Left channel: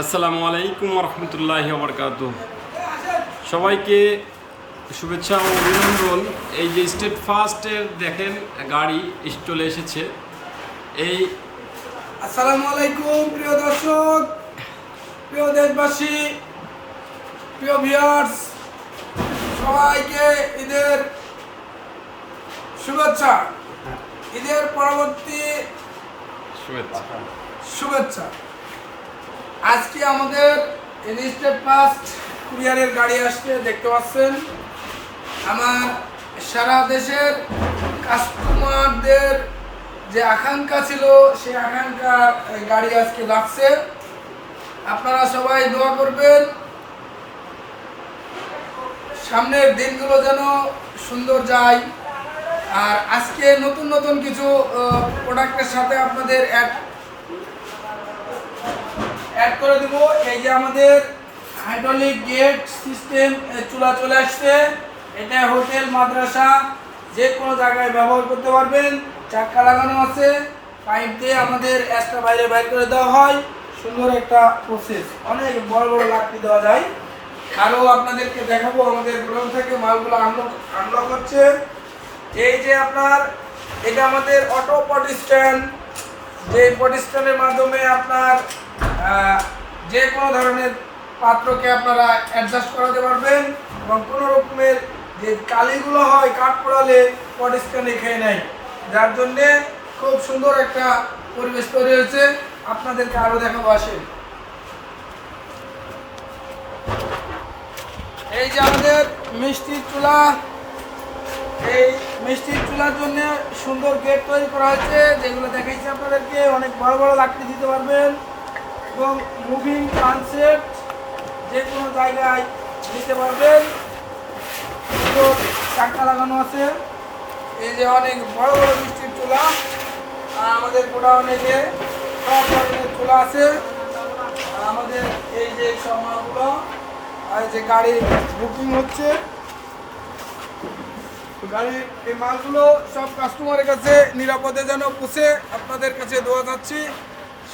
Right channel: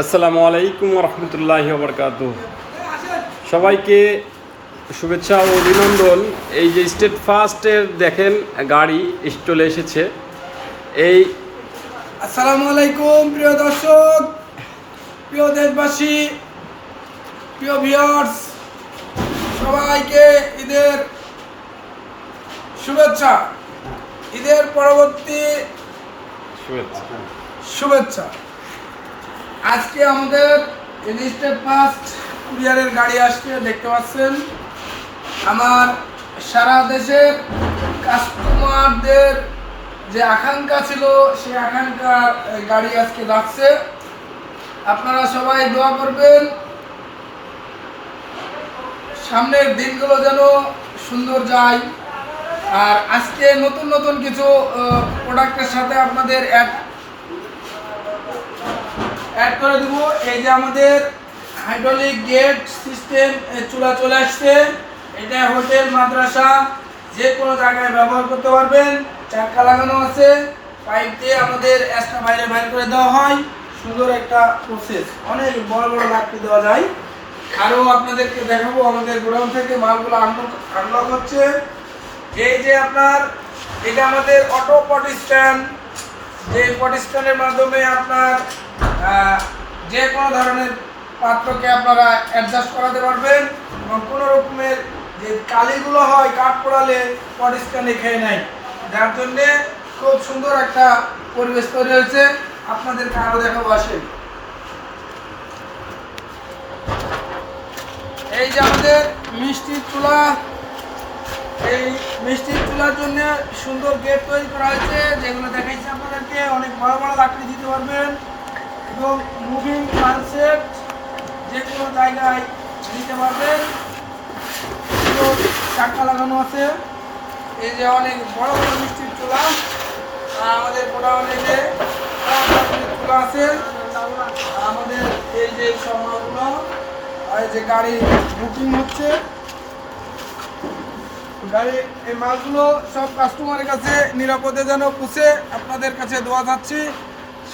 আসসালামু আলাইকুম রহমতুল্লাহি ওবরকাতুহ। সবাইকে শুভেচ্ছা ও অভিনন্দন। এই যে স্টেট ফার্স্টের দেখেন গাড়ি চলে এসেছে। এই আসসালামু আলাইকুম প্রিয় দর্শক, প্রিয় দেশবাসী, প্রিয় ভিউয়ার্স, সবাইকে ঈদের শুভেচ্ছা, ঈদের পরবর্তী শুভেচ্ছা। আজকে আমাদের স্টেট ফার্স্ট কুরিয়ারের গাড়ি আসছে, দেখতে পাচ্ছেন। আমার সারা দেশের কাস্টমারদের যে আকাঙ্ক্ষা ছিল, সেই আকাঙ্ক্ষার গাড়ি আজকে যাচ্ছে। আপনারা সবাই দোয়া করবেন, সামনের দিনগুলো যেন সুন্দর যায়। আর আজকে নতুন নতুন কিছু প্রোডাক্টের সাথে আপনাদের অ্যাড করে দেবো। এই যে আমাদের হাইড্রোলিক গেট সিস্টেম চুলা চলে আসছে। এটা হোটেল, মাদ্রাসা, যে কোনো জায়গায় ব্যবহার করতে পারবেন। চাক্কা লাগানো আছে, পাইপ দিয়ে আমাদের এক্সট্রা বাইরে বের করে দেওয়া হয়। সুন্দর একটা প্রসেস, অনেক বড় বড় লাকড়ি দেওয়া যায়। আরও আপনাদেরকে দেখাবো আমাদের গোডাউন থেকে মালগুলো আনলক হচ্ছে। এই যে আপনার এটা আমাদের অটো পট স্ট্যান্ড, যে পট স্ট্যান্ডের মাধ্যমে আপনার যে কোনো ধরনের পাত্রকে আপনারা অ্যাডজাস্ট করাতে পারবেন এবং কোনো রকমের যে কালিগুলো হয় কাঠ পোড়ালে পট স্ট্যান্ডে খেয়ে নেয়, যার জন্যে খুব সুন্দর একটা পরিবেশ তৈরি হয়েছে। আপনাদেরকে আরও দেখাবো, আসেন। এই যে আমাদের মিষ্টির চুলা, এই মিষ্টির চুলার জন্য সুন্দর গেট তৈরি করা হয়েছে, যেগুলো দেখাইছি আপনাদেরকে। অনেক বড় বড় লাকড়ি দিতে পারবেন এবং মুভিং ট্রান্সেট যে কোনো জায়গায় দিতে পারবেন। তো চাকা লাগানো আছে। এই যে অনেক বড় বড় মিষ্টির চুলা। আর আমাদের গোডাউনে যে চুলা আছে, আমাদের এই যে সব মালগুলো, আর যে গাড়ি বুকিং হচ্ছে, গাড়ির এই মালগুলো সব কাস্টমারের কাছে নিরাপদে যেন পৌঁছে, আপনাদের কাছে দোয়া যাচ্ছি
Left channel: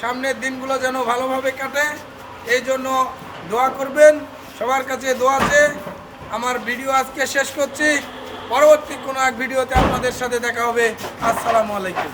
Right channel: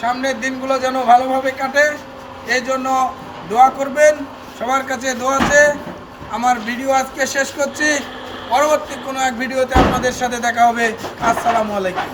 সামনের দিনগুলো যেন ভালোভাবে কাটে। এই জন্য দোয়া করবেন, সবার কাছে দোয়াতে আমার ভিডিও আজকে শেষ করছি। পরবর্তী কোনো এক ভিডিওতে আপনাদের সাথে দেখা হবে। আসসালামু আলাইকুম।